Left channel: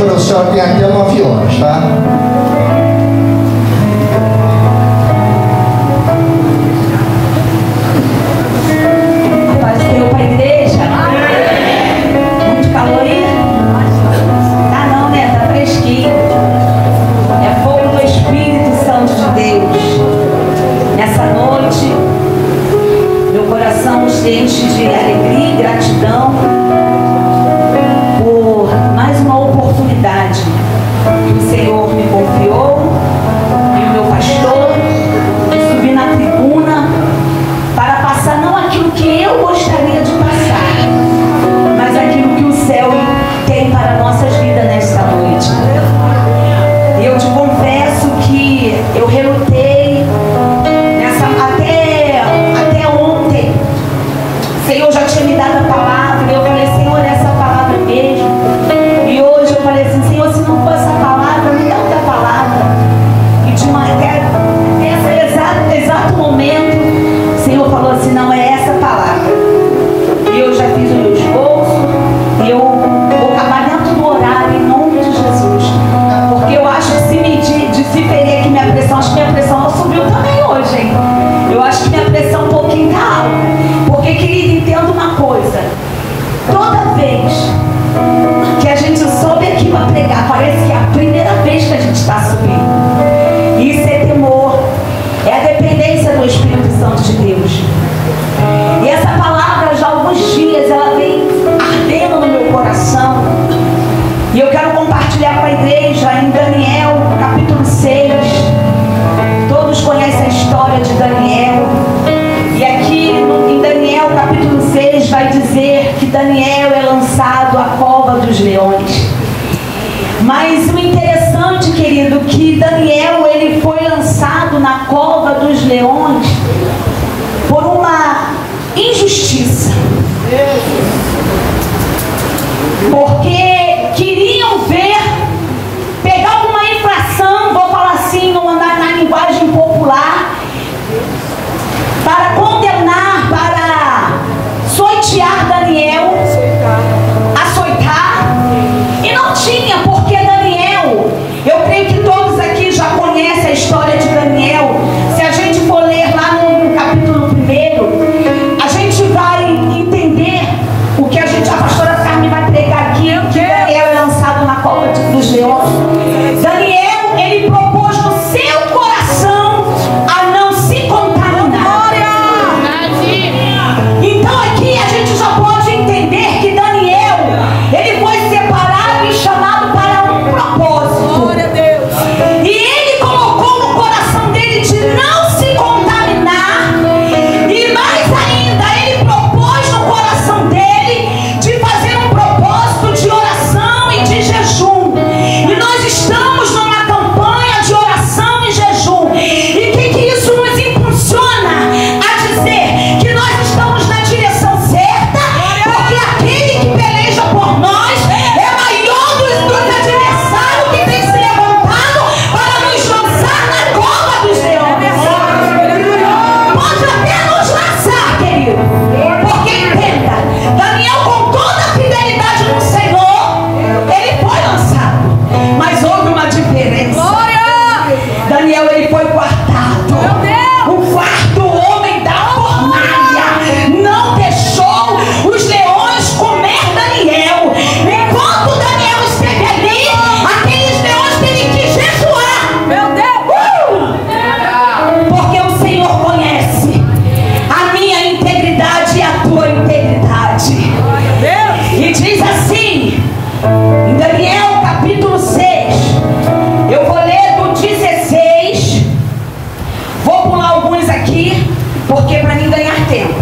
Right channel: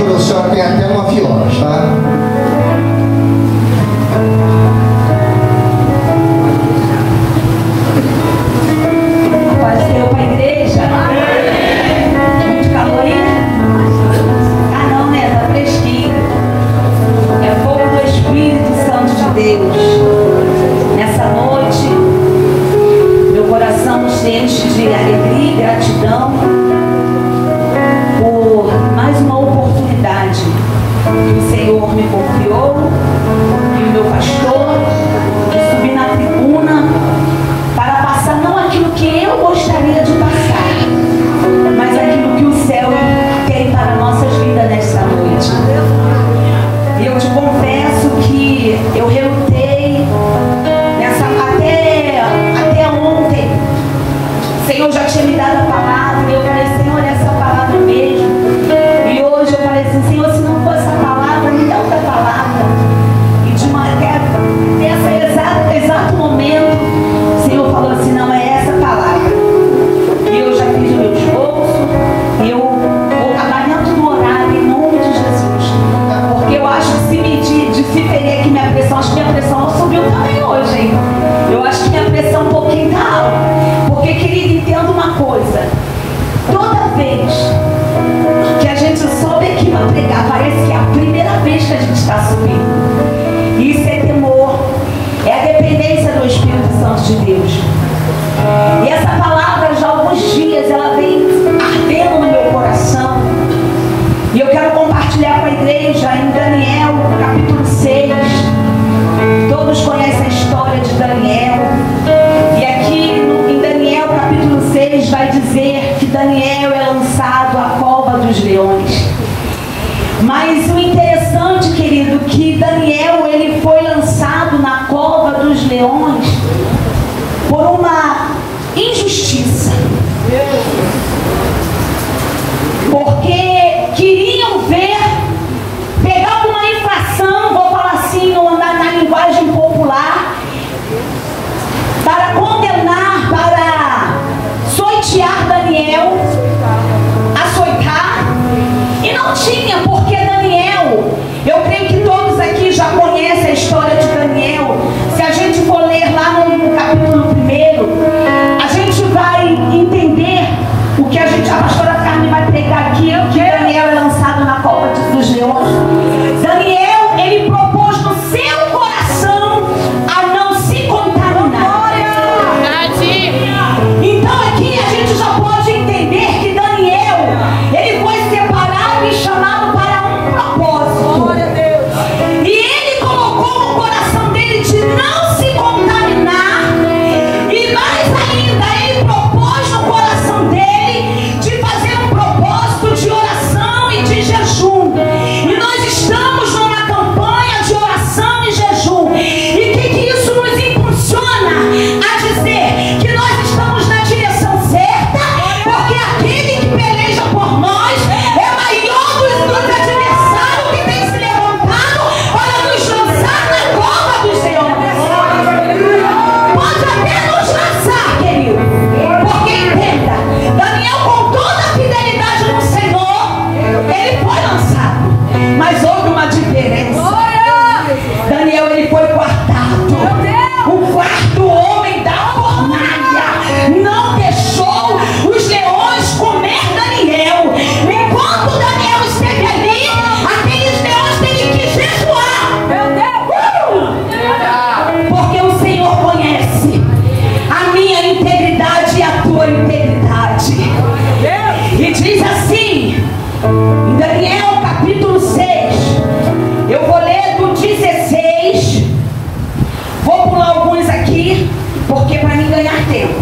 Produção tem até 9 horas, tá? Deu para a igreja? Muito calor aí? Ah, não, né? Tá fresquinho. É fogo do Espírito Santo de Deus. Nessa noite, meu coração se enche de alegria e gratidão por mais uma oportunidade que o Senhor me confiou e o meu pastor de subir na tribuna para passar não aquilo que eu gostaria de passar, mas aquilo que o céu tem para nossas vidas nesta noite. Eu te confesso que eu relutei até ontem. O Senhor já tinha me dado a palavra e eu falei, Senhor, essa palavra mesmo. E hoje eu falei assim, Senhor, se não for essa palavra, me dá outra palavra. E de nesse exato momento, o Senhor falou assim, não é essa palavra. E eu já fiz o meu esforço e eu vou acabar dentro do horário em nome de Jesus. Porque eu acho que se perder aqui minha pressão, acho que minha pressão não subiu também hoje, hein? Eu acho que minha pressão um pouquinho tá alta. Porque, querido, entenda uma coisa. Toda vez que a gente sobe aqui para pregar, parece que é a primeira vez que a gente está subindo. Isso é temor, é a dependência do Espírito Santo de Deus. E essa palavra, já há alguns dias, ela vem ardendo no meu coração. E eu quero compartilhar com a igreja em Daniel, capítulo 6. Todos conhecem a história de Daniel. E aqui em Daniel, capítulo 6, vai dizer que Daniel é lançado à cova dos leões. Mas o interessante, querido, que Daniel ele foi lançado na cova dos leões por uma injustiça. Porque queriam pegar alguma infração, vou falar assim, não andar na linguagem popular, para condenar, para soitear Daniel, açoitar, e não tinha, porque Daniel, eu creio que todos aqui já conhecem a história de Daniel. Se a gente for ler lá no capítulo 1, a gente vai entender o que a pastora Carmen vai pregar aqui, que Daniel é lançado na cova dos leões. Daniel, ele propôs no seu coração a não se contaminar. Então aqui a gente já pode entender que Daniel, ele foi separado e chamado para um propósito. E ele colocou no coração dele de não se contaminar. E mais ainda, ele propôs no coração dele de fazer um propósito de oração e de jejum. E nós estamos numa campanha de oração e jejum. E o que isso nos impulsiona a dizer? Que nós estamos na direção certa, porque aquele que peleja por nós é maior do adversário que tem se levantado para nos lançar na cova dos leões. Pode até nos lançar, querido, porque entenda, Daniel, com toda a fidelidade no Senhor, ele foi lançado, mas houve uma diferença. Daniel, ele foi guardado. O quarto homem da fornalha não deixou os leões comer Daniel. Enquanto Daniel esteve ali, aqueles leões teriam que jejuar. Porque o Senhor conhece a minha integridade e a tua integridade. E diz assim, em Daniel capítulo 6, eu vou ler do 16, vou pular alguns aqui, porque para mim ganhar tempo.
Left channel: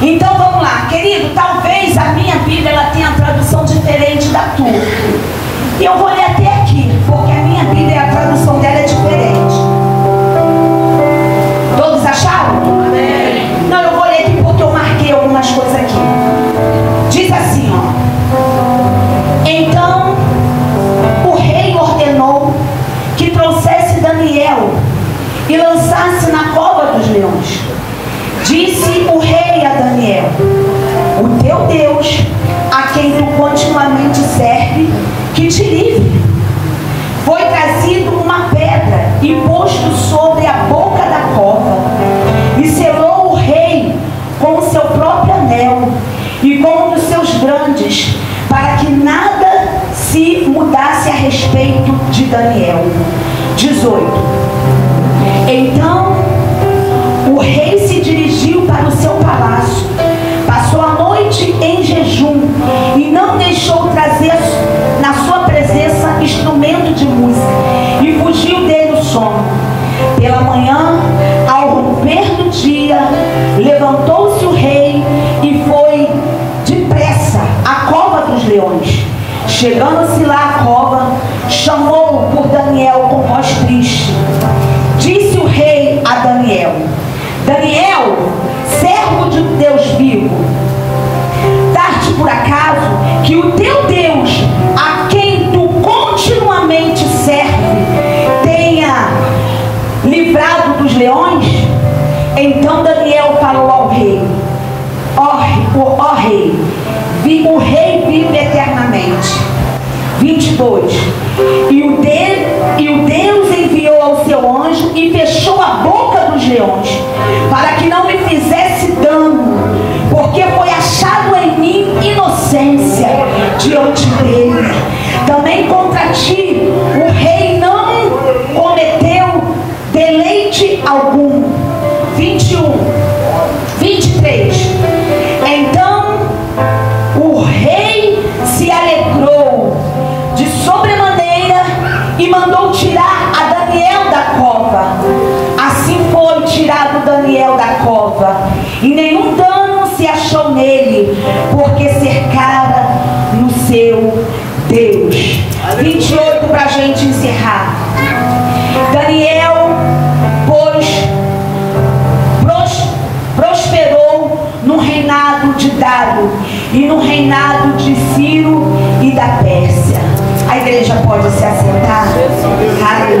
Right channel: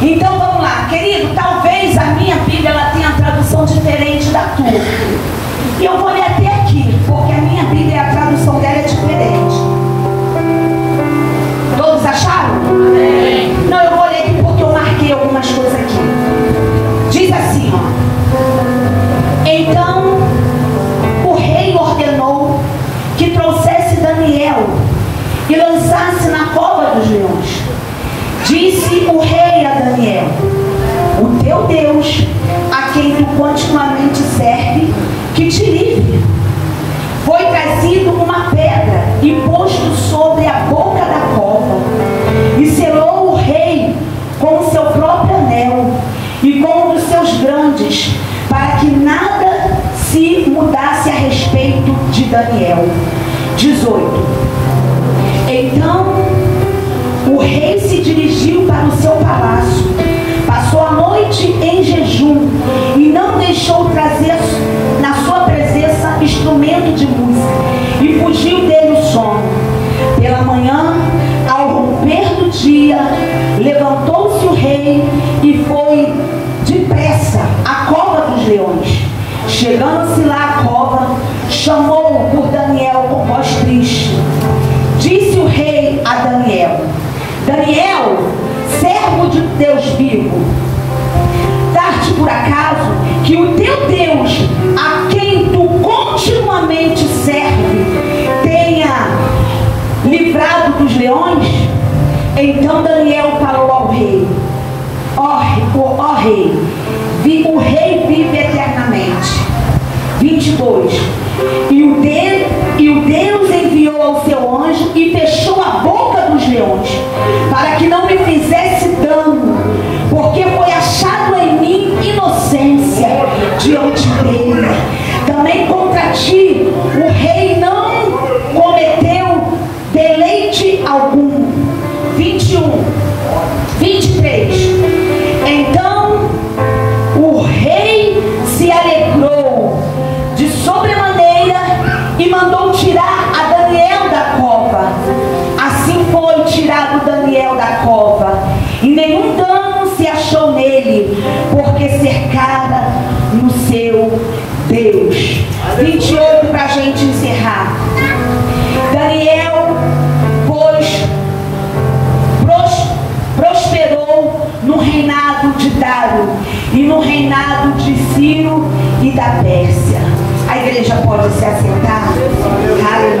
Então vamos lá, querido, talvez a minha Bíblia ela tenha tradução diferente da tua. E eu vou ler até aqui, porque a minha Bíblia, a tradução dela é diferente. Todos acharam? Não, eu vou ler aqui porque eu marquei algumas coisas aqui. Diz assim, ó. Então o rei ordenou que trouxesse Daniel e lançasse na cova dos leões. Disse o rei a Daniel: o teu Deus, a quem tu continuamente serve, que te livre. dele. Foi trazido uma pedra e posto sobre a boca da cova, e selou o rei com o seu próprio anel e com um dos seus grandes, para que nada se mudasse a respeito de Daniel. 18. Então o rei se dirigiu para o seu palácio, passou a noite em jejum e não deixou trazer na sua presença instrumento de música, e fugiu dele o sono. Pela manhã, ao romper do dia, levantou-se o rei e foi depressa à cova dos leões. Chegando-se lá à cova, chamou por Daniel com voz triste. Disse o rei a Daniel: Daniel, servo de Deus vivo, dá-te por acaso que o teu Deus, a quem tu continuamente serve, tenha livrado dos leões? Então Daniel falou ao rei: ó rei, o rei vive eternamente. 22. E o Deus enviou ao seu anjo e fechou a boca dos leões, para que não me fizesse dano, porque foi achado em mim inocência diante dele. Também contra ti o rei não cometeu deleite algum. 21. 23. Então o rei se alegrou de sobremaneira e mandou tirar a Daniel da cova. Assim foi tirado Daniel da cova, e nenhum dano se achou nele, porque cercara no seu Deus. 28 para a gente encerrar. Daniel, pois, prosperou no reinado de Dário e no reinado de Ciro e da Pérsia. A igreja pode se assentar. Aleluia.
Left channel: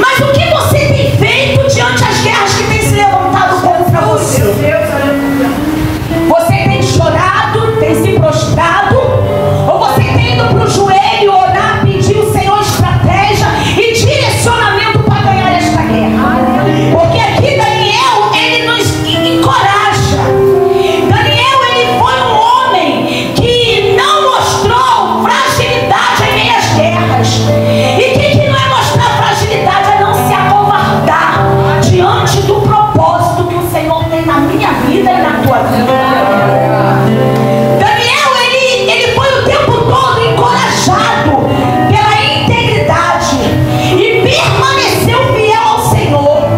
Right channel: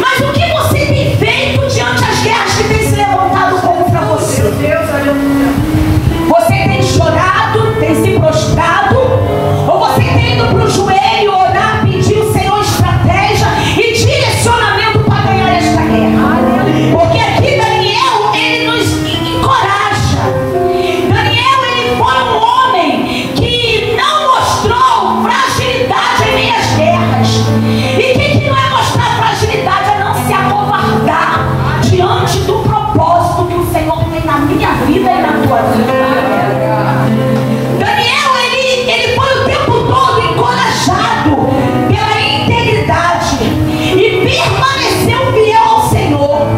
Mas o que você tem feito diante das guerras que tem se levantado contra você? Você tem chorado, tem se prostrado, ou você tem ido para o joelho orar, pedir o Senhor estratégia e direcionamento para ganhar esta guerra? Porque aqui Daniel, ele nos encoraja. Daniel, ele foi um homem que não mostrou fragilidade em meio às guerras. E que não é mostrar fragilidade, é não se acovardar diante do propósito que o Senhor tem na minha vida e na tua vida. Daniel, ele foi o tempo todo encorajado pela integridade e permaneceu fiel ao Senhor,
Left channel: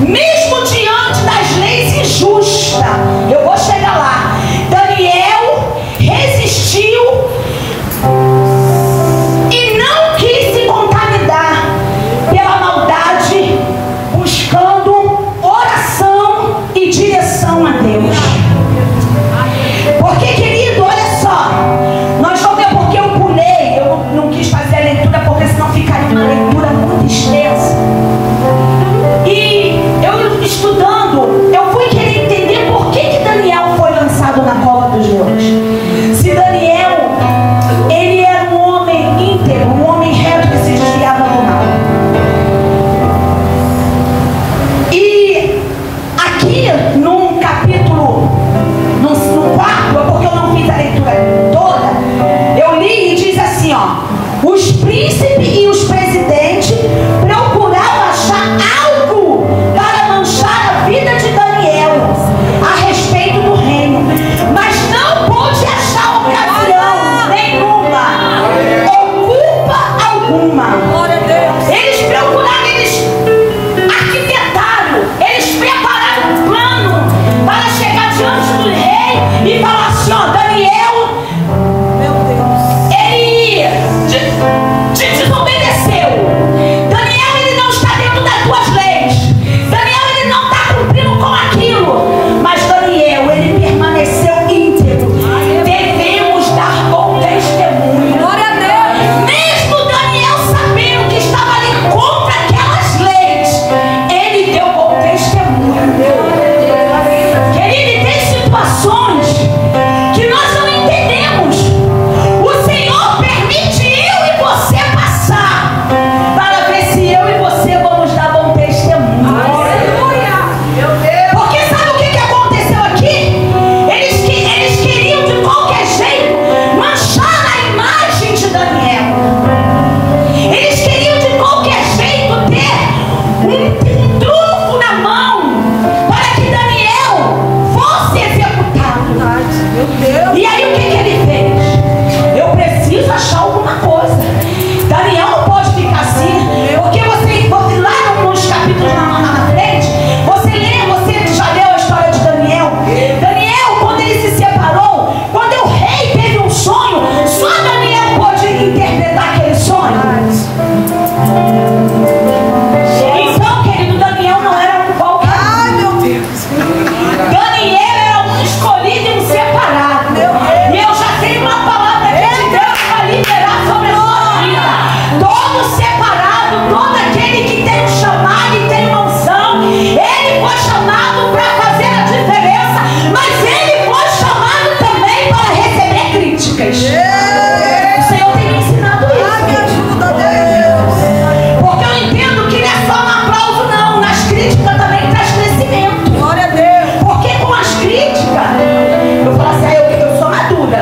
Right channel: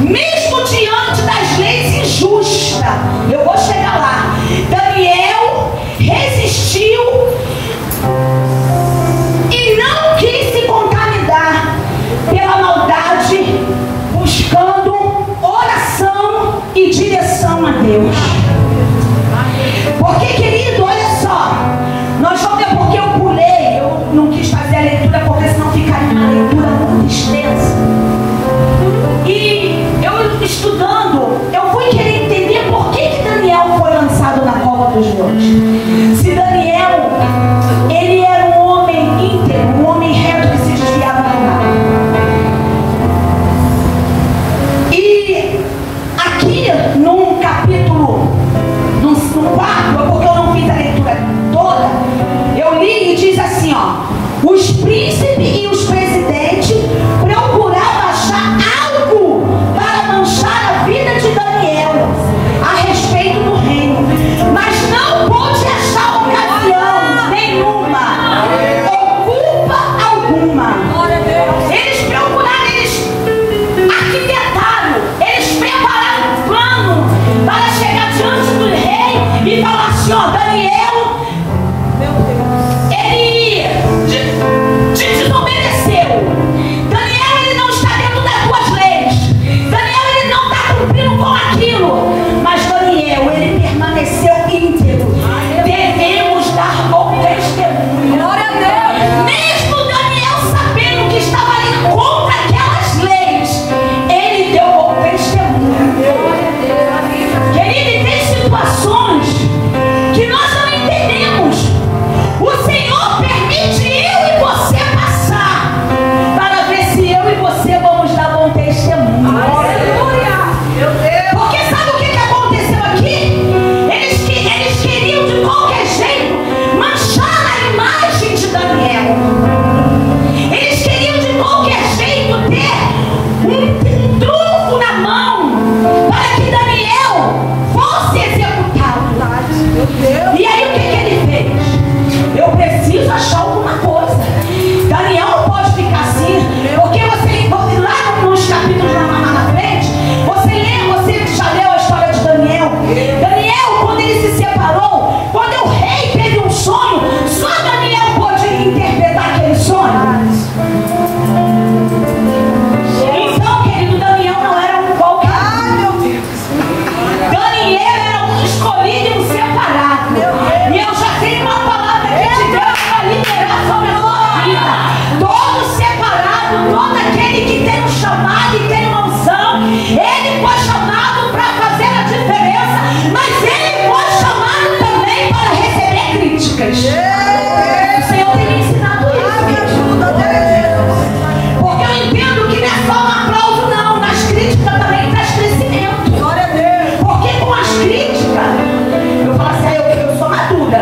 mesmo diante das leis injustas. Eu vou chegar lá. Daniel resistiu e não quis se contaminar pela maldade, buscando oração e direção a Deus. Porque, querido, olha só, nós vamos ver porque eu pulei, eu não quis fazer a leitura, porque senão ficaria uma leitura muito extensa. E eu estudando, eu fui querer entender por que Daniel foi lançado na cova dos leões. Se Daniel, ele era um homem íntegro, um homem reto que se desviava do mal. E aqui num capítulo, no 4, porque eu não fiz a leitura toda, eu li e diz assim, ó: os príncipes e os presidentes procuravam achar algo para manchar a vida de Daniel a respeito do reino, mas não pôde achar ocasião nenhuma ou culpa alguma. Eles procuraram, eles arquitetaram, eles prepararam um plano para chegar diante do rei e falar assim, ó: Daniel, ele te desobedeceu. Daniel, ele não está dentro das tuas leis. Daniel, ele não está cumprindo com aquilo. Mas Daniel, ele permaneceu íntegro. Devemos dar bom testemunho. Glória a Deus. Mesmo Daniel sabendo que estava ali contra aquelas leis, ele deu bom testemunho. Querido, tem situações que nós não entendemos. O Senhor permite eu e você passar para ver se eu e você vamos dar bom testemunho. Porque sabe o que aconteceu aqui? Eles queriam de qualquer jeito manchar a imagem de Daniel. Eles queriam de qualquer jeito ter um trunfo na mão para que Daniel fosse executado. E aí o que ele fez? Eu preciso achar alguma coisa. Daniel não pode ficar assim, porque você lá nos capítulos na frente, você já leu a história de Daniel. Daniel, quando ele se separou, quando o rei teve um sonho, só Daniel pôde interpretar aquele sonho. Então, querido, Daniel não era um qualquer. Daniel era um escolhido e um separado. E eu já tenho uma palavra aqui de Deus para liberar sobre a sua vida. Todo separado, todo aquele que tem um chamado e tem uma unção, ele foi chamado para fazer a diferença, mas ele foi chamado também para receber críticas. O Senhor tem me ensinado isso. Porque eu entendo que não é só um aplauso, não. Nas críticas também traz crescimento. Glória a Deus. Porque com as críticas, eu falo assim, eu sou madura.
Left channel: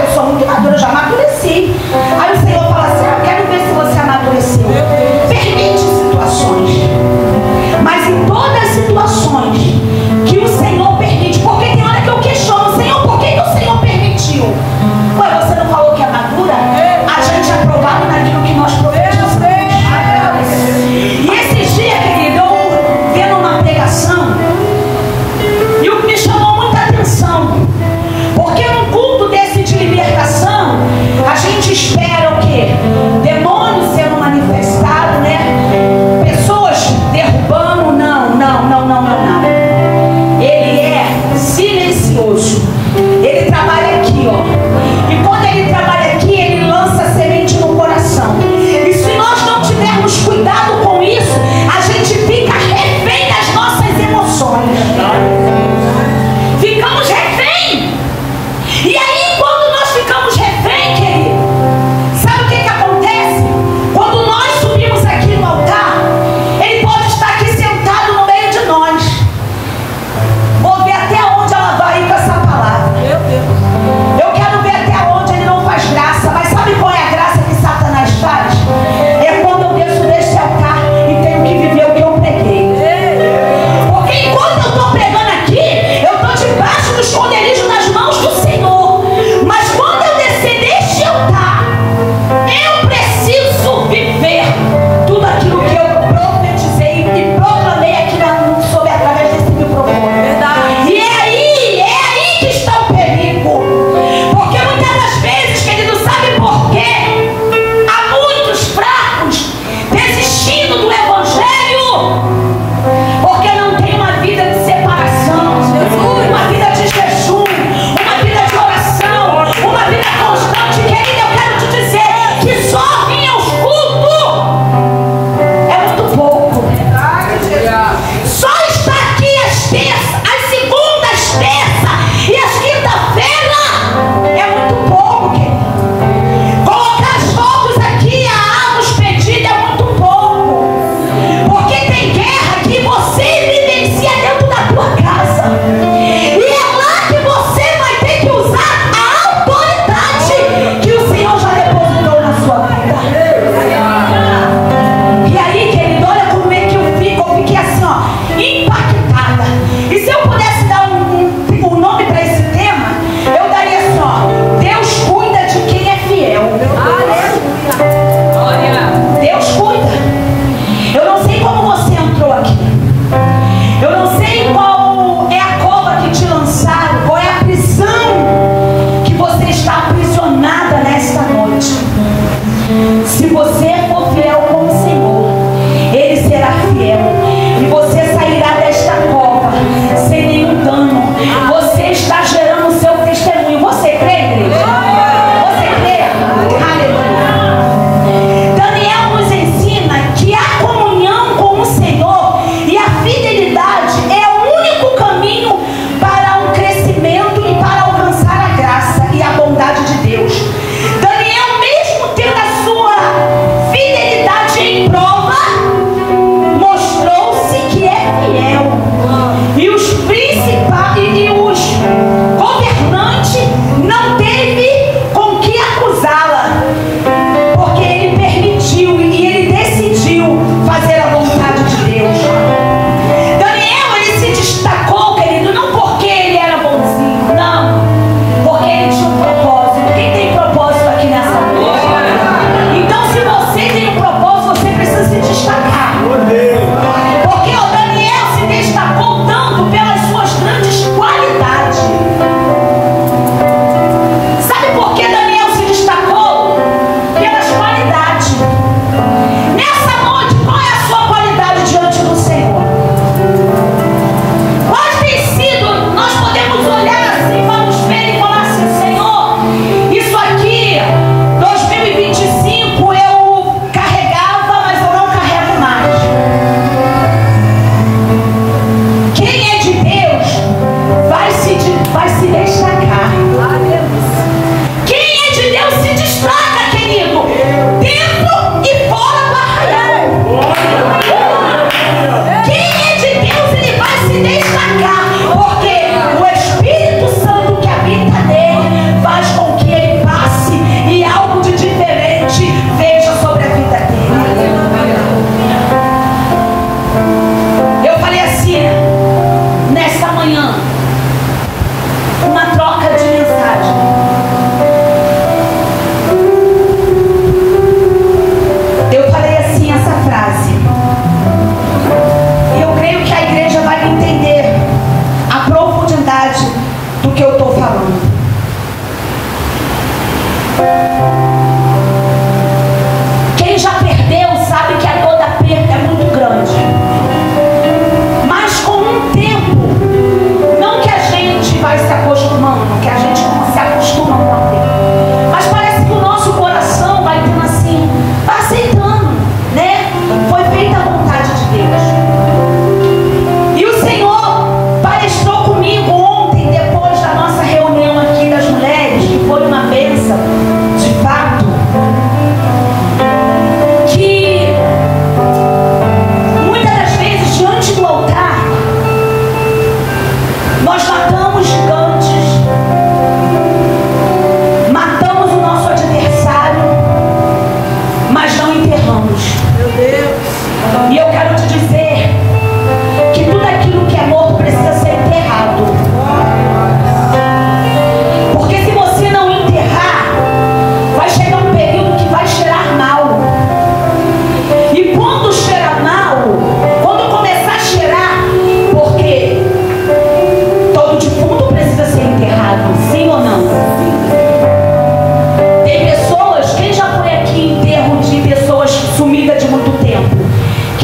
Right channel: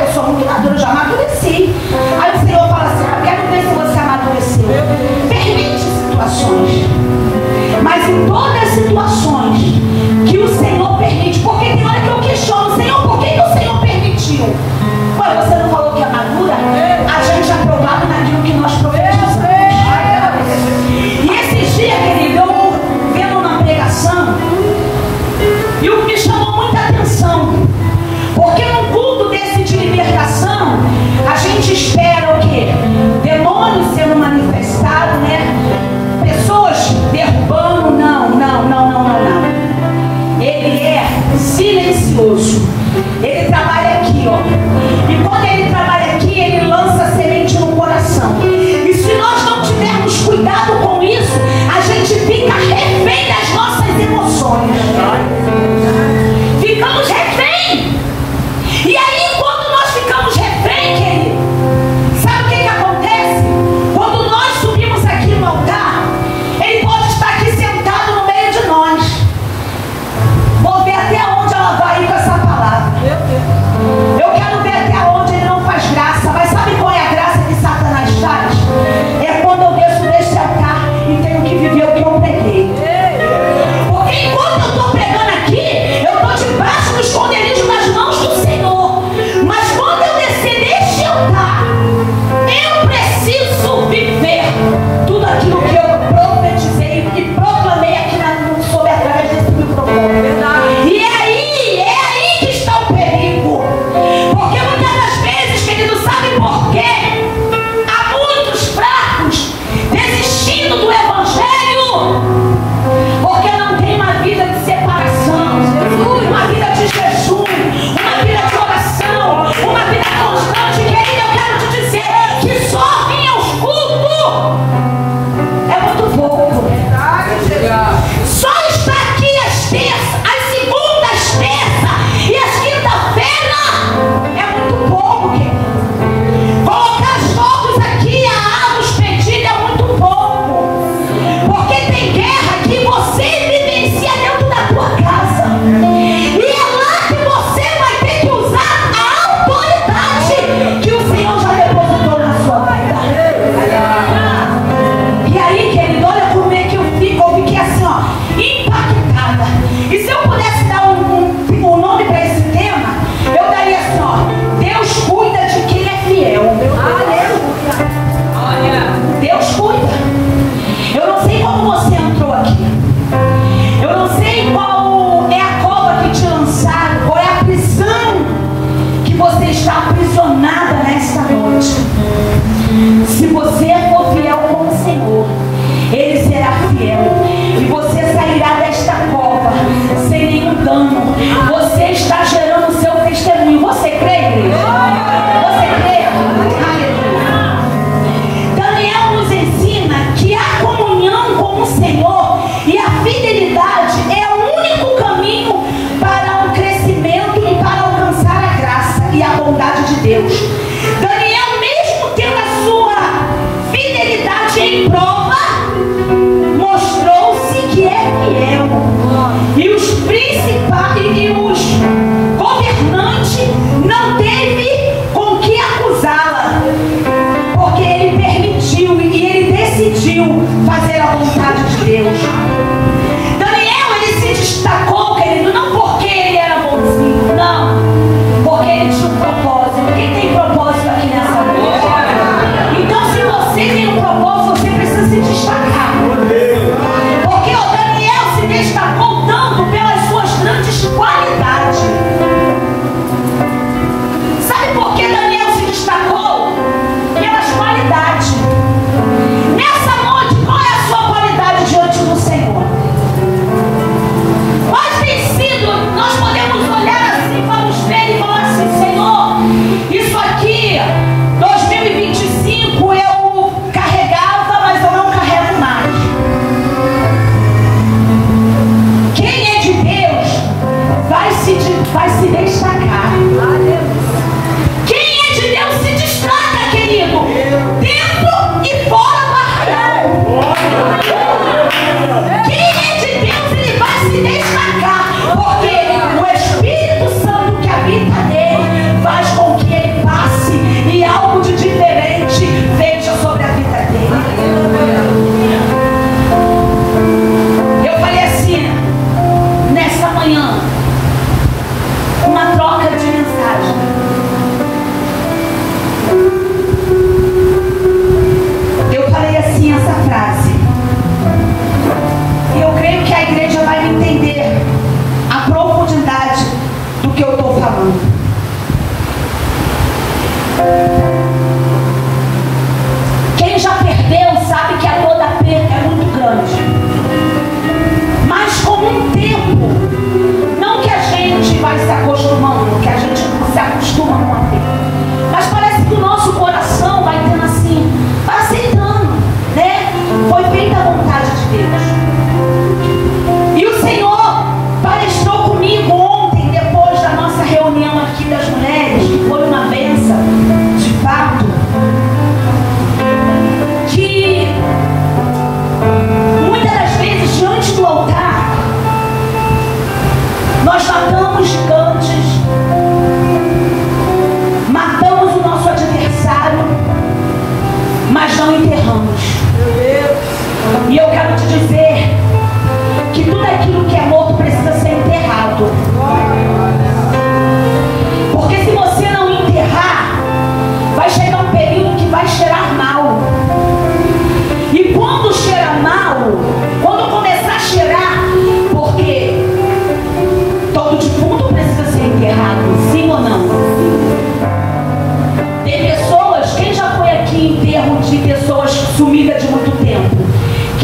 Eu sou muito madura, eu já amadureci. Aí o Senhor fala assim, eu quero ver se você amadureceu. Permite situações. Mas em todas as situações que o Senhor permite, porque tem hora que eu questiono, Senhor, por que o Senhor permitiu? Ué, você não falou que é madura? A gente é provado naquilo que nós profetizamos. E esses dias, querido, eu vendo uma pregação, e o que me chamou muita atenção, porque num culto desse de libertação, a gente espera o quê? Demônios sendo manifestados, né? Pessoas derrubando, não.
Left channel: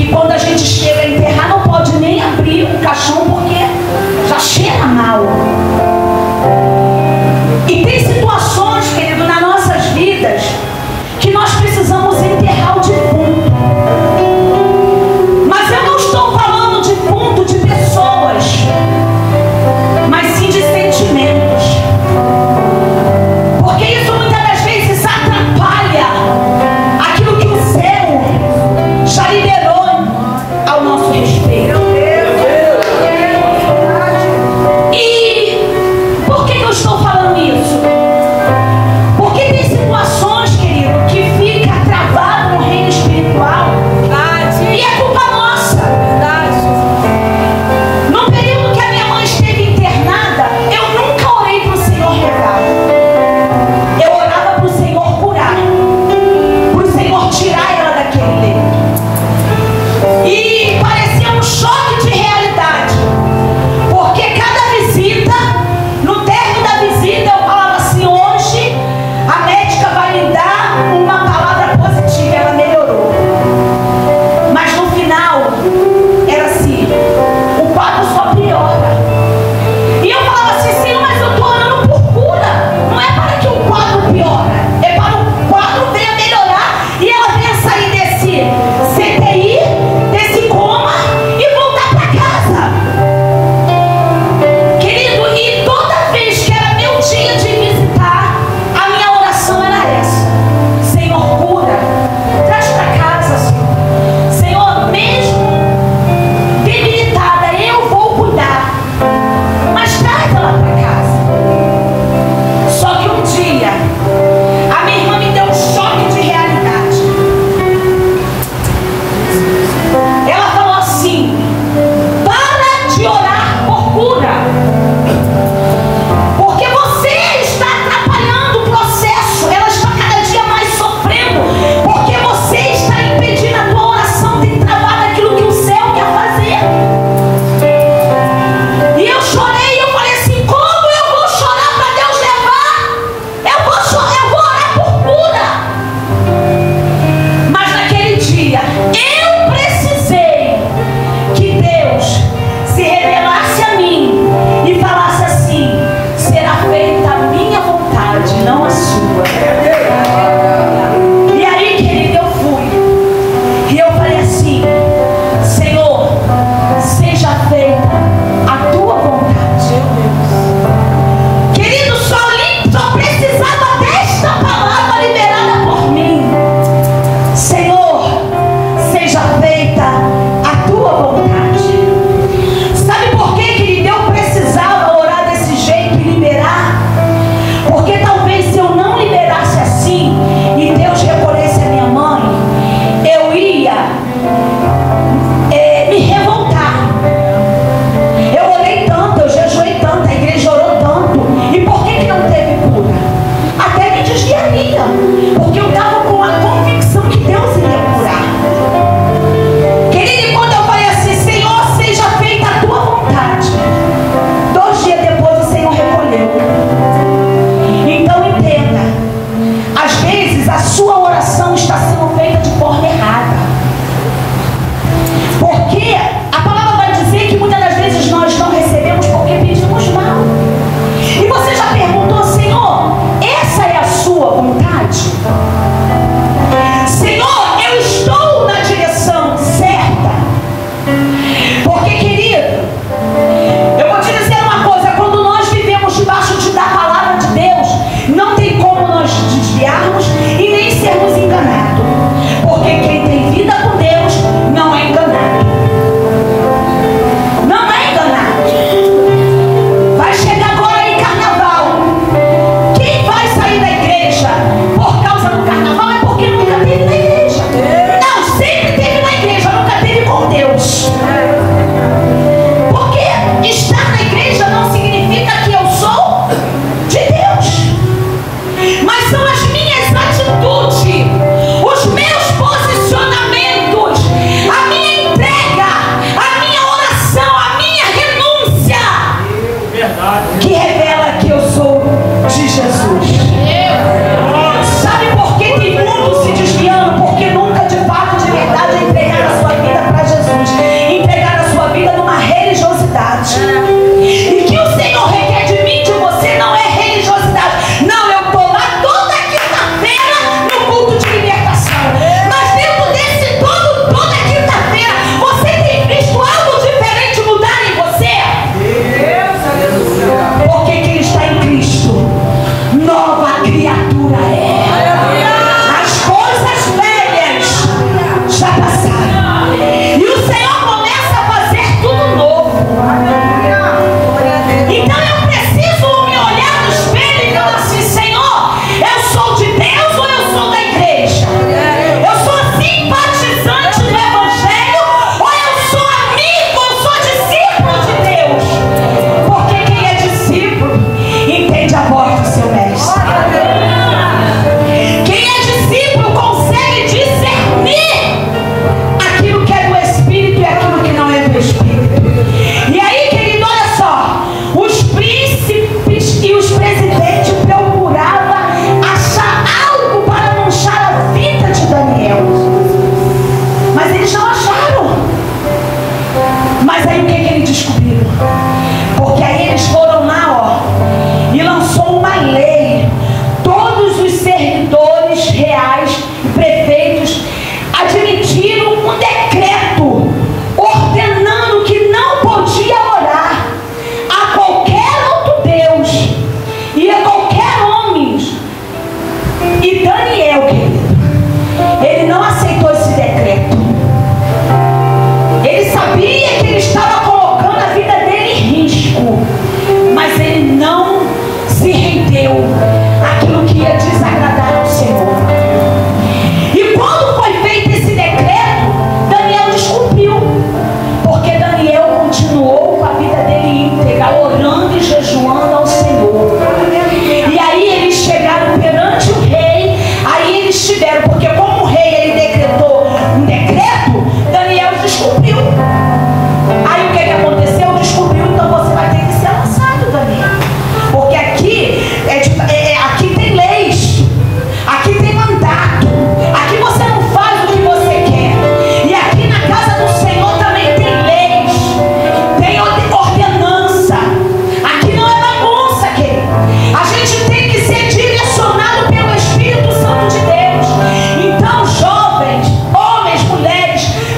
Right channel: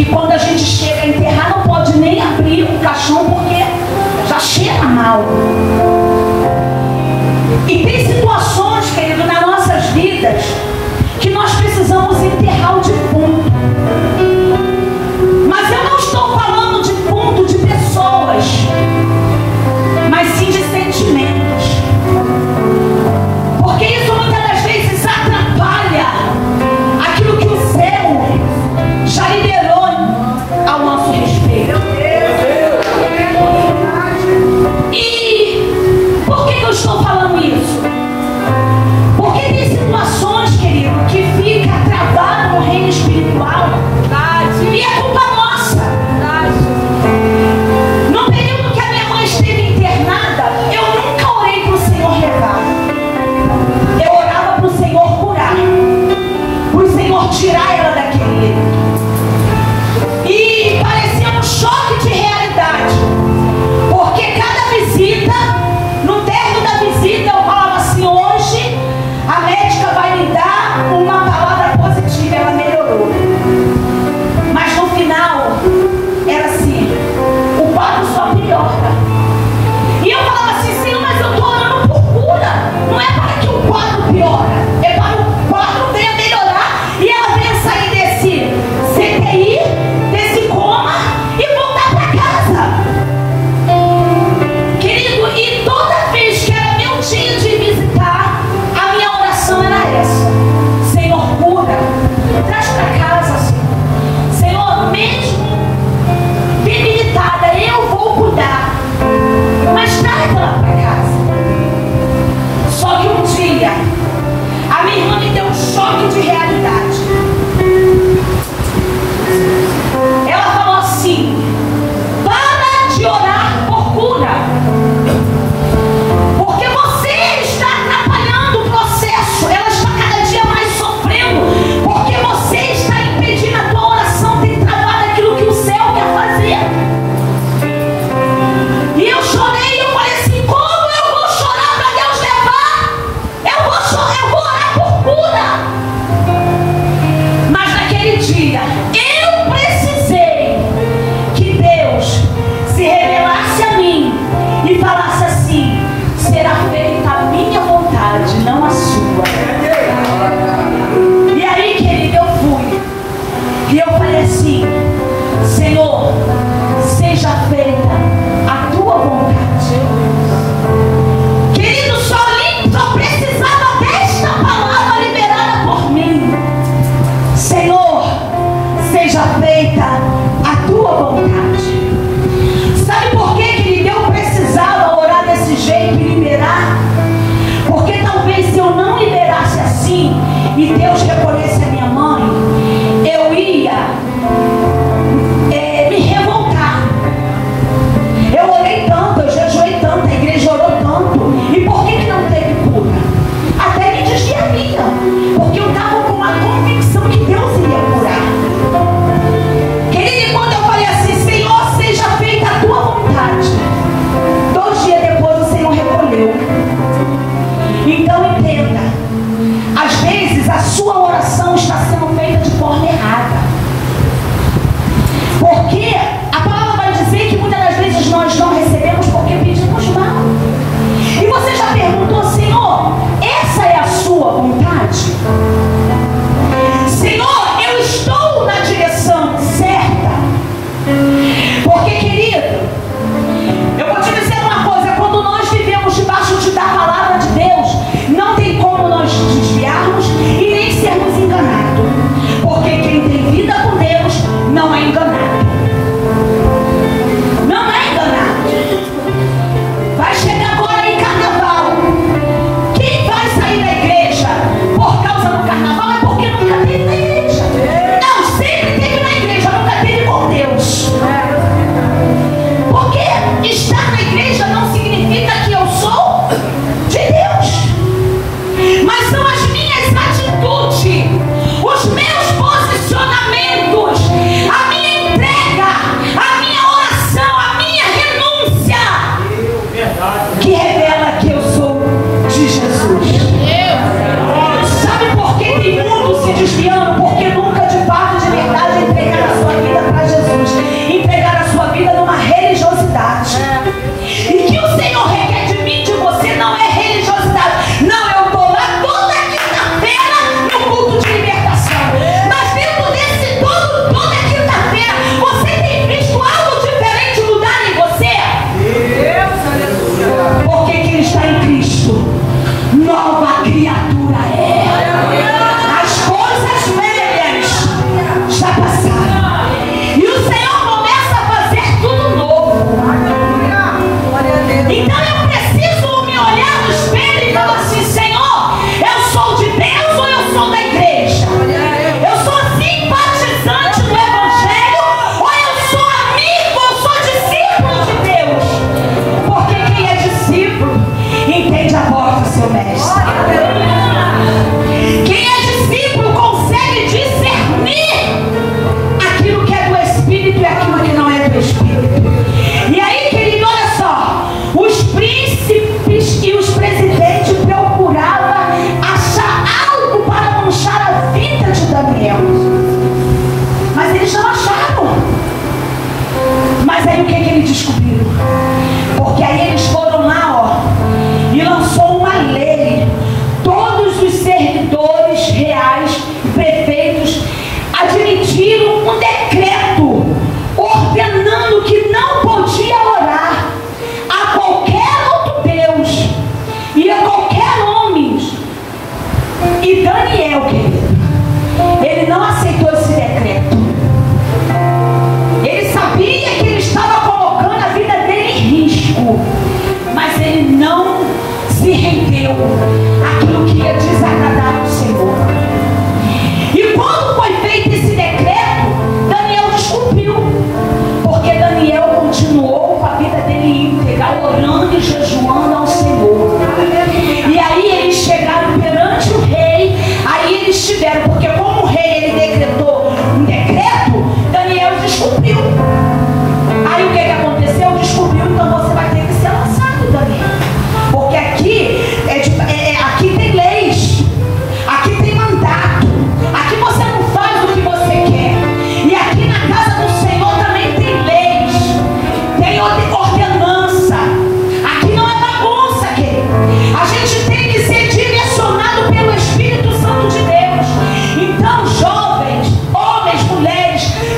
que quando a gente chega a enterrar não pode nem abrir o caixão porque já cheira mal. E tem situações, querido, nas nossas vidas que nós precisamos enterrar o defunto. Mas eu não estou falando de defunto de pessoas, mas sim de sentimentos. Porque isso muitas das vezes atrapalha aquilo que o céu já liberou ao nosso respeito. E por que eu estou falando isso? Porque tem situações, querido, que fica travado no reino espiritual e é culpa nossa. No período que a minha mãe esteve internada, eu nunca orei para o Senhor levar. Eu orava para o Senhor curar, para o Senhor tirar ela daquele leito. E parecia um choque de realidade, porque cada visita, no término da visita, eu falava assim: hoje a médica vai lhe dar uma palavra positiva. Ela melhorou, mas no final era assim, o quadro só piora. E eu falava assim: Senhor, mas eu estou orando por cura, não é para que o quadro piora, é para o quadro venha melhorar e ela venha sair desse CTI, desse coma e voltar para casa. Querido, e toda vez que era meu dia de visitar, a minha oração era essa: Senhor, cura, traz para casa, Senhor. Senhor, mesmo debilitada, eu vou cuidar, mas traz ela para casa. Só que um dia, a minha irmã me deu um choque de realidade. Ela falou assim: para de orar por cura, porque você está atrapalhando o processo. Ela está cada dia mais sofrendo, porque você está impedindo a tua oração de trabalhar aquilo que o céu quer fazer. E eu chorei e eu falei assim: como eu vou chorar para Deus levar? Eu vou chorar, eu vou orar por cura. Mas naquele dia eu precisei que Deus se revelasse a mim e falasse assim: será feita a minha vontade, não a sua. E aí, querido, eu fui e eu falei assim: Senhor, seja feita a tua vontade. Querido, só precisava desta palavra liberada por mim: Senhor, seja feita a tua vontade. Sabe por que, querido, eu precisava orar desse jeito e liberar? Porque talvez se eu não liberasse assim e Deus recolhesse a minha mãe, eu ia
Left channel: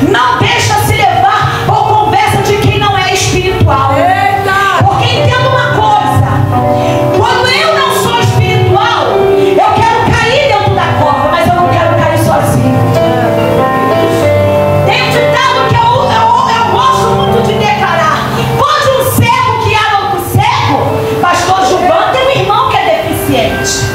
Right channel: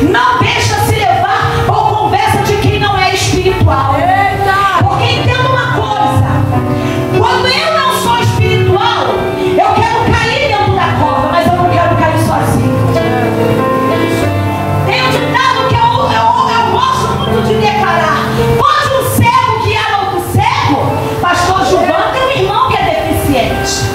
Não deixa se levar por conversa de quem não é espiritual. Porque entenda uma coisa: quando eu não sou espiritual, eu quero cair dentro da cova, mas eu não quero cair sozinho. Tem um ditado que eu gosto muito de declarar: pode um cego guiar outro cego? Pastor Gilvan tem um irmão que é deficiente.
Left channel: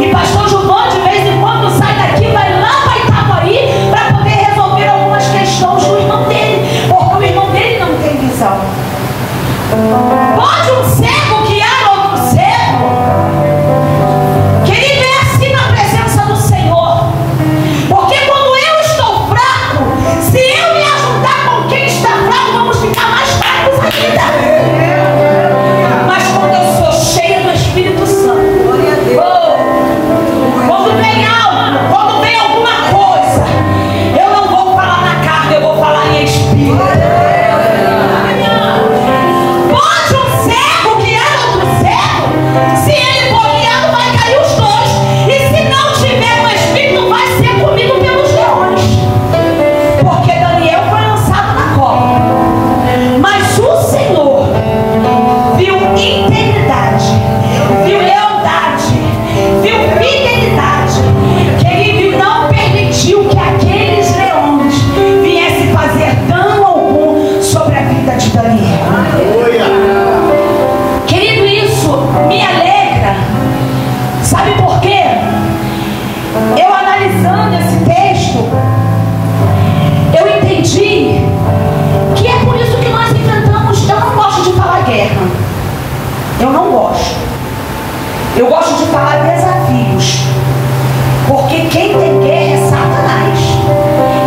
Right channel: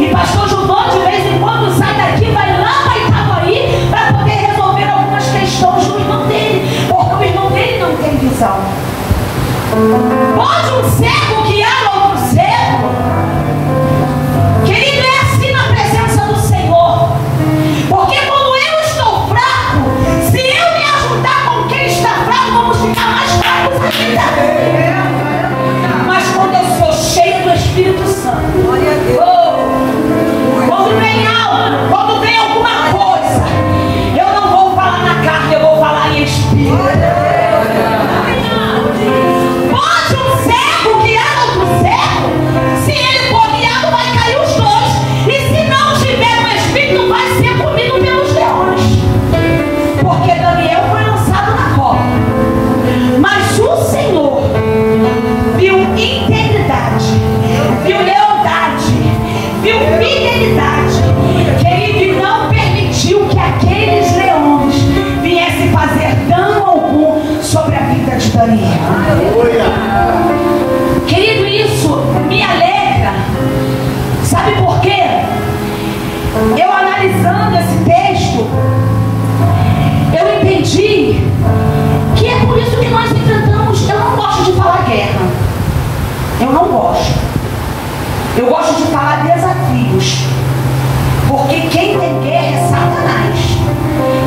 E pastor Gilvan, de vez em quando, sai daqui, vai lá para Itaboraí para poder resolver algumas questões com o irmão dele, porque o irmão dele não tem visão. Pode um cego guiar outro cego? Querido, é assim na presença do Senhor. Porque quando eu estou fraco, se eu me ajuntar com quem está fraco, vamos ficar mais fracos ainda. Mas quando eu sou cheia do Espírito Santo, quando vem algo, quando vem alguma coisa, eu não vou falar na carne, eu vou falar em espírito. Pode um cego guiar outro cego? Se ele for guiado, vai cair os dois. E se não tiver no espírito, vai ser comido pelos leões. Porque Daniel foi lançado na cova. Mas o Senhor viu integridade, viu lealdade, viu fidelidade. Querido, e não permitiu que aqueles leões viessem fazer dano algum sobre a vida de Daniel. Querido, isso me alegra. Sabe por quê? Eu analisando esse texto, eu entendi que é por isso que nós enfrentamos. Eu não gosto de falar guerra. Eu não gosto. Eu gosto de falar desafios. Porque quem tem guerra é Satanás.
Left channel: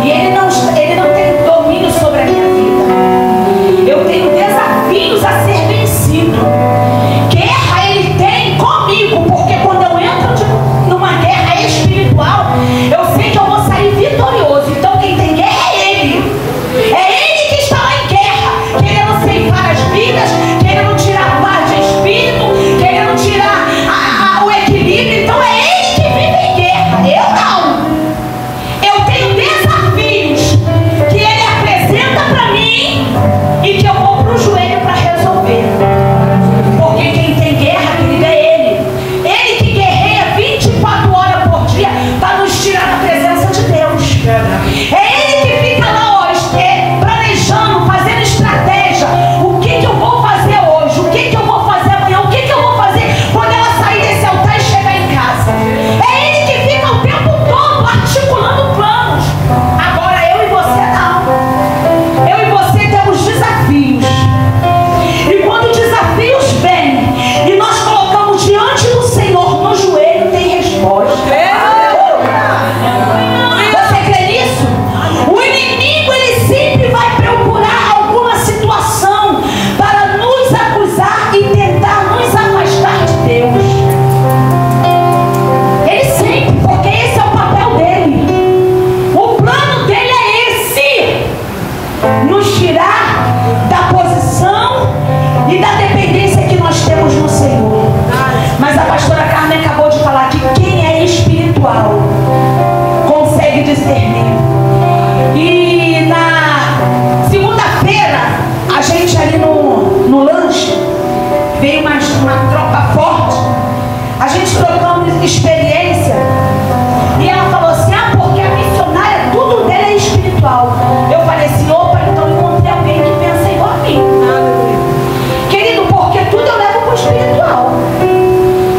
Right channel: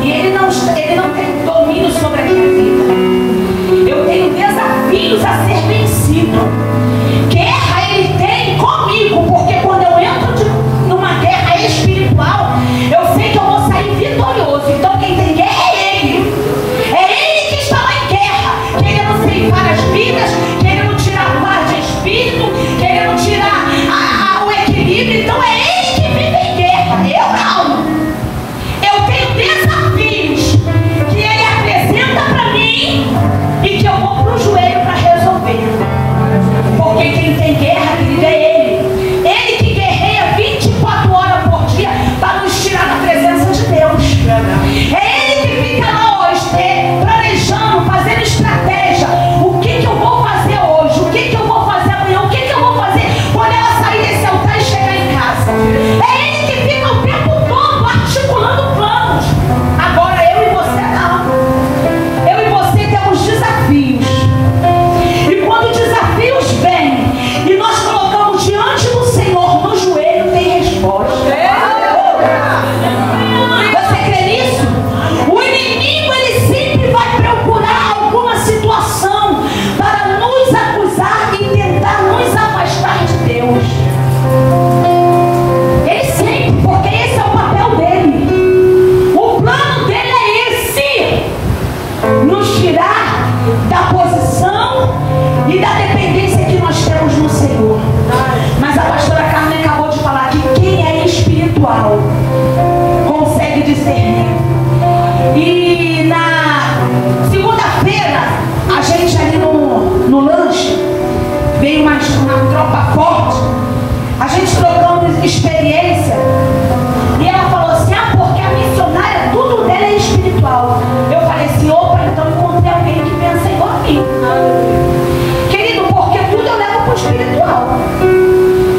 E ele não tem domínio sobre a minha vida. Eu tenho desafios a ser vencido. Guerra ele tem comigo. Porque quando eu entro numa guerra espiritual, eu sei que eu vou sair vitorioso. Então quem tem guerra é ele. É ele que está lá em guerra, querendo ceifar as vidas, querendo tirar a paz de espírito, querendo tirar o equilíbrio. Então é ele que vive em guerra. Eu não. Eu tenho desafios que ele apresenta para mim e que eu vou pro joelho para resolver. Porque quem tem guerra, querido, é ele. Ele que guerreia 24 horas por dia para nos tirar da presença de Deus. É ele que fica lá hoje planejando, fazendo estratégia. O que eu vou fazer hoje? O que eu vou fazer amanhã? O que eu vou fazer quando ela sair desse altar e chegar em casa? É ele que fica o tempo todo articulando planos. Agora eu e você não. Eu e você temos desafios. E quando desafios vêm e nós colocamos diante do Senhor no joelho, tem resposta. Você crê nisso? O inimigo, ele sempre vai procurar alguma situação para nos acusar e tentar nos afastar de Deus. Ele sempre, porque esse é o papel dele. O plano dele é esse: nos tirar da posição e da dependência que nós temos no Senhor. Mas a pastora Carmen acabou de falar que quem é espiritual consegue discernir. E na segunda-feira, a gente ali no lanche, veio uma tropa forte. A gente trocando experiência. E ela falou assim: porque a missionária, tudo dela é espiritual. Eu falei assim: opa, então eu encontrei alguém que pensa igual a mim. Querido, porque tudo eu levo pro espiritual.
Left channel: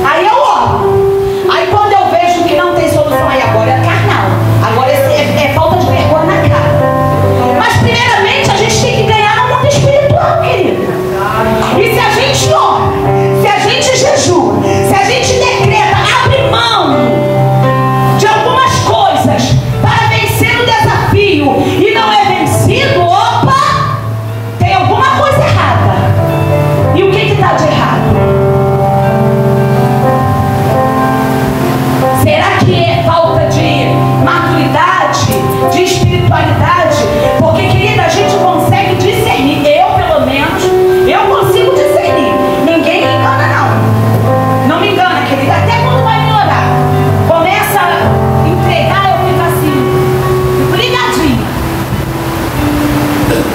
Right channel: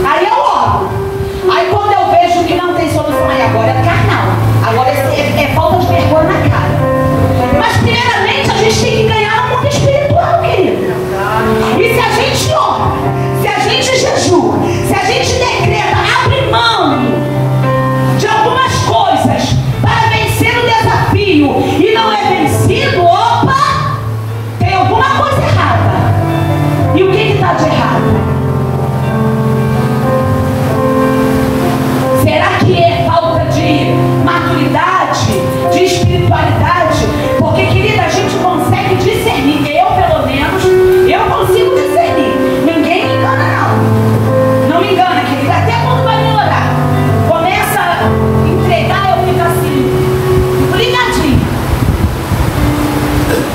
Aí eu olho. Aí quando eu vejo que não tem solução, aí agora é carnal. Agora é falta de vergonha na cara. Mas primeiramente a gente tem que ganhar no mundo espiritual, querido. E se a gente ora, se a gente jejua, se a gente decreta, abre mão de algumas coisas para vencer o desafio e não é vencido,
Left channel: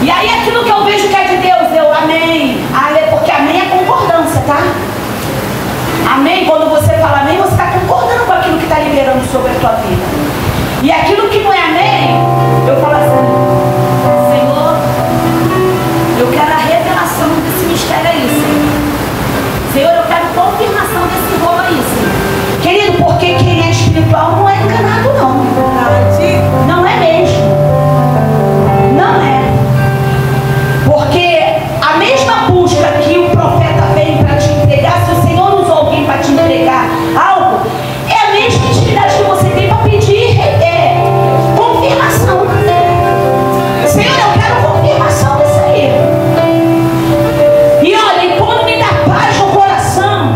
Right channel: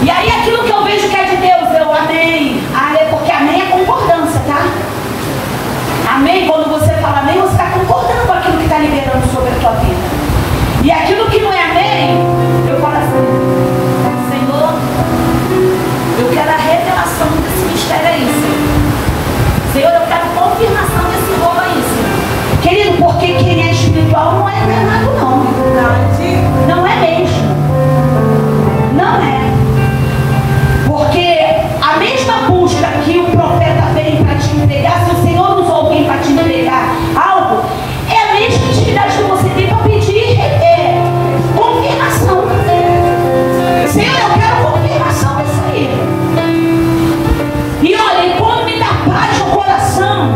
E aí aquilo que eu vejo que é de Deus, eu amém. Porque amém é concordância, tá? Amém, quando você fala amém, você está concordando com aquilo que está liberando sobre a tua vida. E aquilo que não é amém, eu falo assim, Senhor, eu quero a revelação desse mistério aí, Senhor. Senhor, eu quero confirmação desse rolo aí, Senhor. Querido, porque quem é espiritual não é enganado, não. Não é mesmo. Não é. Porque a mesma busca que o profeta veio para te entregar, se o Senhor usou alguém para te entregar algo, é a mesma intimidade que você tem para pedir confirmação. Senhor, eu quero confirmação disso aí. E olha, e quando me dá paz no coração,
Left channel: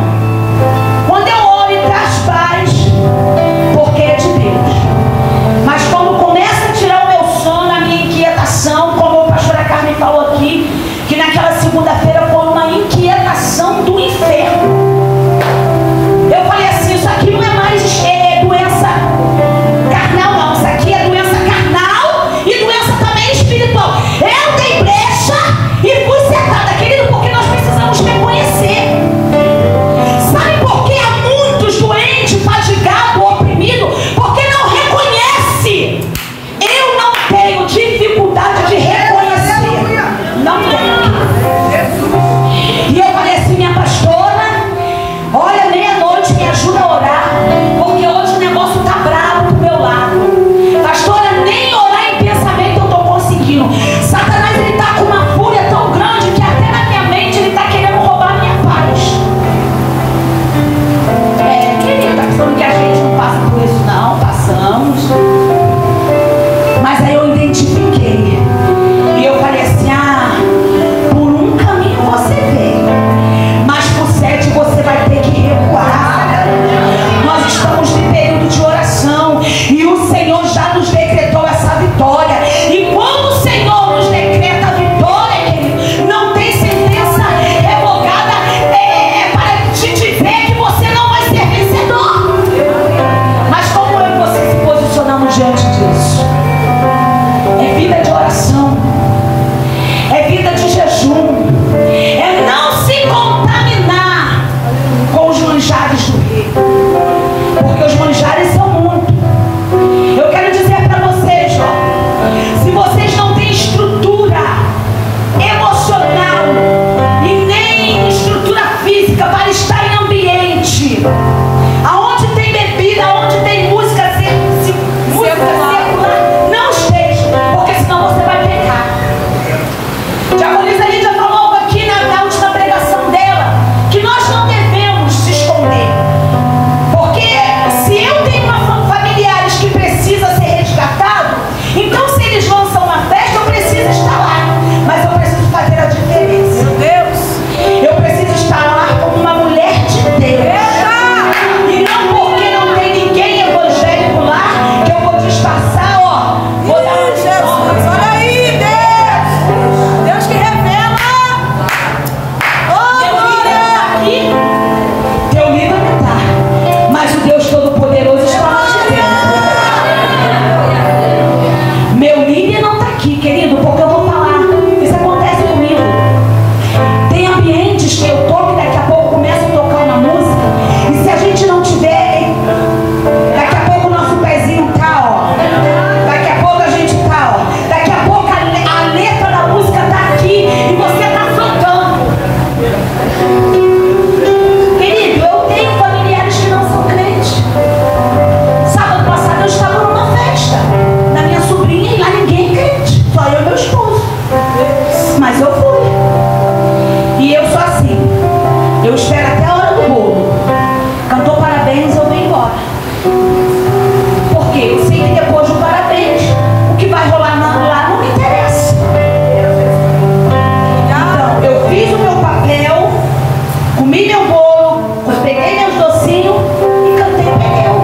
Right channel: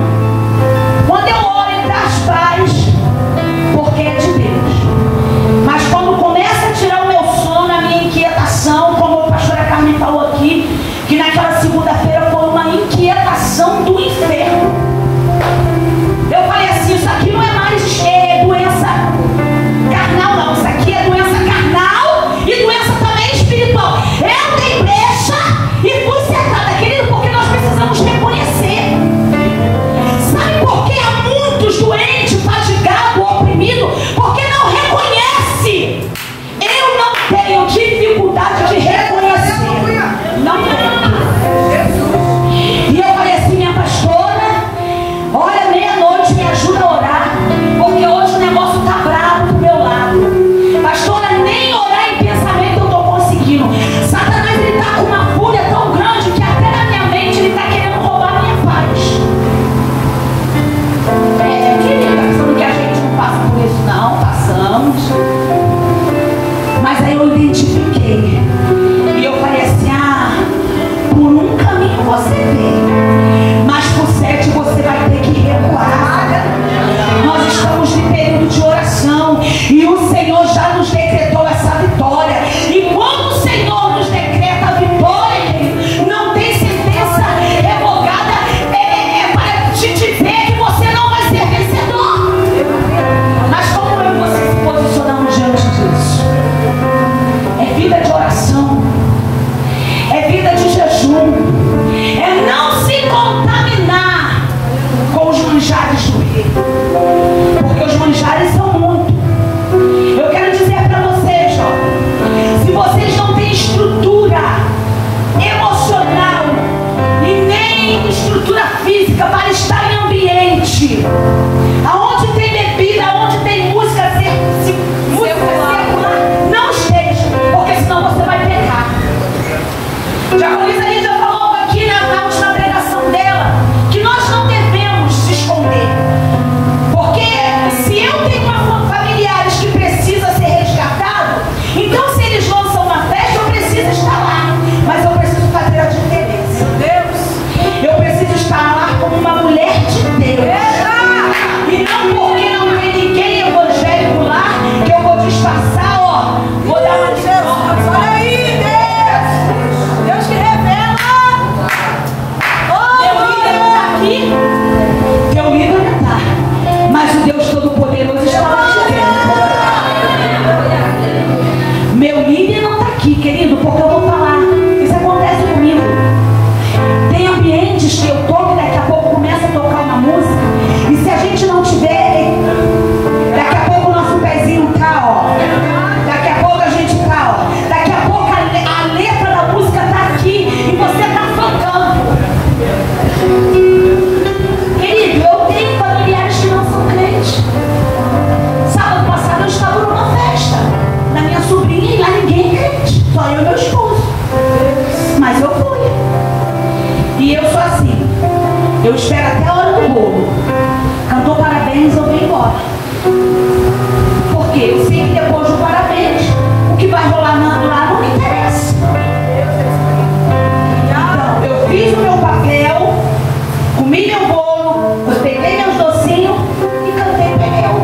quando eu oro e traz paz, porque é de Deus. Mas quando começa a tirar o meu sono, a minha inquietação, como a pastora Carmen falou aqui, que naquela segunda-feira foi uma inquietação do inferno. Eu falei assim, isso aqui não é mais doença carnal, não. Isso aqui é doença carnal e doença também espiritual. Eu dei brecha e fui sentada, querido, porque nós precisamos reconhecer. Sabe por que há muitos doentes, fatigados, oprimidos? Porque não reconhece. Eu não tenho dificuldade de reconhecer. Não tenho. E eu falei assim, minha pastora, olha, meia-noite, me ajuda a orar, porque hoje o negócio está bravo pro meu lado. Pastora, nem orar em pensamento eu estou conseguindo. Satanás, ele está com uma fúria tão grande que até na minha mente ele está querendo roubar a minha paz. Querida, tá pensando que a gente não passa por isso, não? Passamos. Mas aí eu identifiquei. E eu falei assim, por um caminho você veio, mas por 7 você vai ter que recuar. Nós estamos em período de oração e o Senhor já nos decretou essa vitória. E quando o Senhor nos decreta a vitória, querido, não tem sentença revogada para te dizer que você não vai ser vencedor. Mas como eu e você se posicionamos diante disso? É vida de oração, é vida de jejum, é não se contaminar com os manjares do rei, porque os manjares são muitos. Eu quero dizer para vocês, se vocês não têm estrutura emocional e nem estrutura física para estar em ambiente aonde tem bebida, aonde tem música secular, não esteja, porque senão você vai pecar. Diaconisa Lídia falou aqui na última pregação dela que nós não devemos se esconder, porque se eu tenho familiares que precisam ser resgatados, então se eles lançam uma festa, eu preciso estar lá, mas eu preciso fazer a diferença. Meu Deus, eu preciso estar lá como uma mulher de Deus, e não porque não tem ninguém evangélico lá que eu vou disfarçar, vou dar uma desordem. Olha aí, Deus, Deus que revela. Teu líder não está aqui, teu líder não está, mas o Deus Todo-Poderoso está lá de dentro. Meu líder não está aqui, querido, porque eu vou falar. Isso acontece comigo. Tem ambientes que eu toco e daqui a pouco começa a tocar uma música, e se a gente não tiver, daqui a pouco o nosso pezinho tá, daqui a pouco a gente tá, daqui a pouco a letra da música tá aqui e você tá cantando. Querido, eu tenho familiares que não são crentes. Sábado passado eu estava numa festa na minha sobrinha e lá ninguém é crente, só eu e meu esposo. Mas eu fui. E eu sou assim, eu espero até a hora do bolo. Cantou parabéns, eu venho embora. Porque eu sei que depois do parabéns, o que vai rolar lá não me interessa. Então, eu fiz o meu papel, comi meu bolo, peguei meus docinhos e cantei pneu.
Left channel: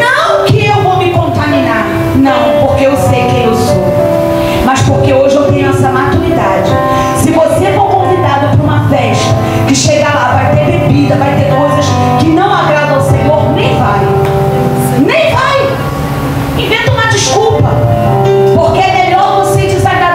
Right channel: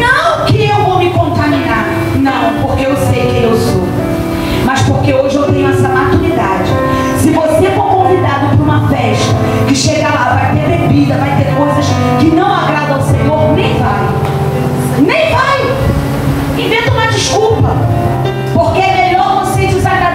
Não que eu vou me contaminar, não, porque eu sei quem eu sou, mas porque hoje eu tenho essa maturidade. Se você for convidado para uma festa que chega lá, vai ter bebida, vai ter coisas que não agradam ao Senhor, nem vai. Nem vai. Inventa uma desculpa, porque é melhor você desagradar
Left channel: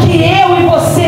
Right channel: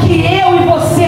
que eu e você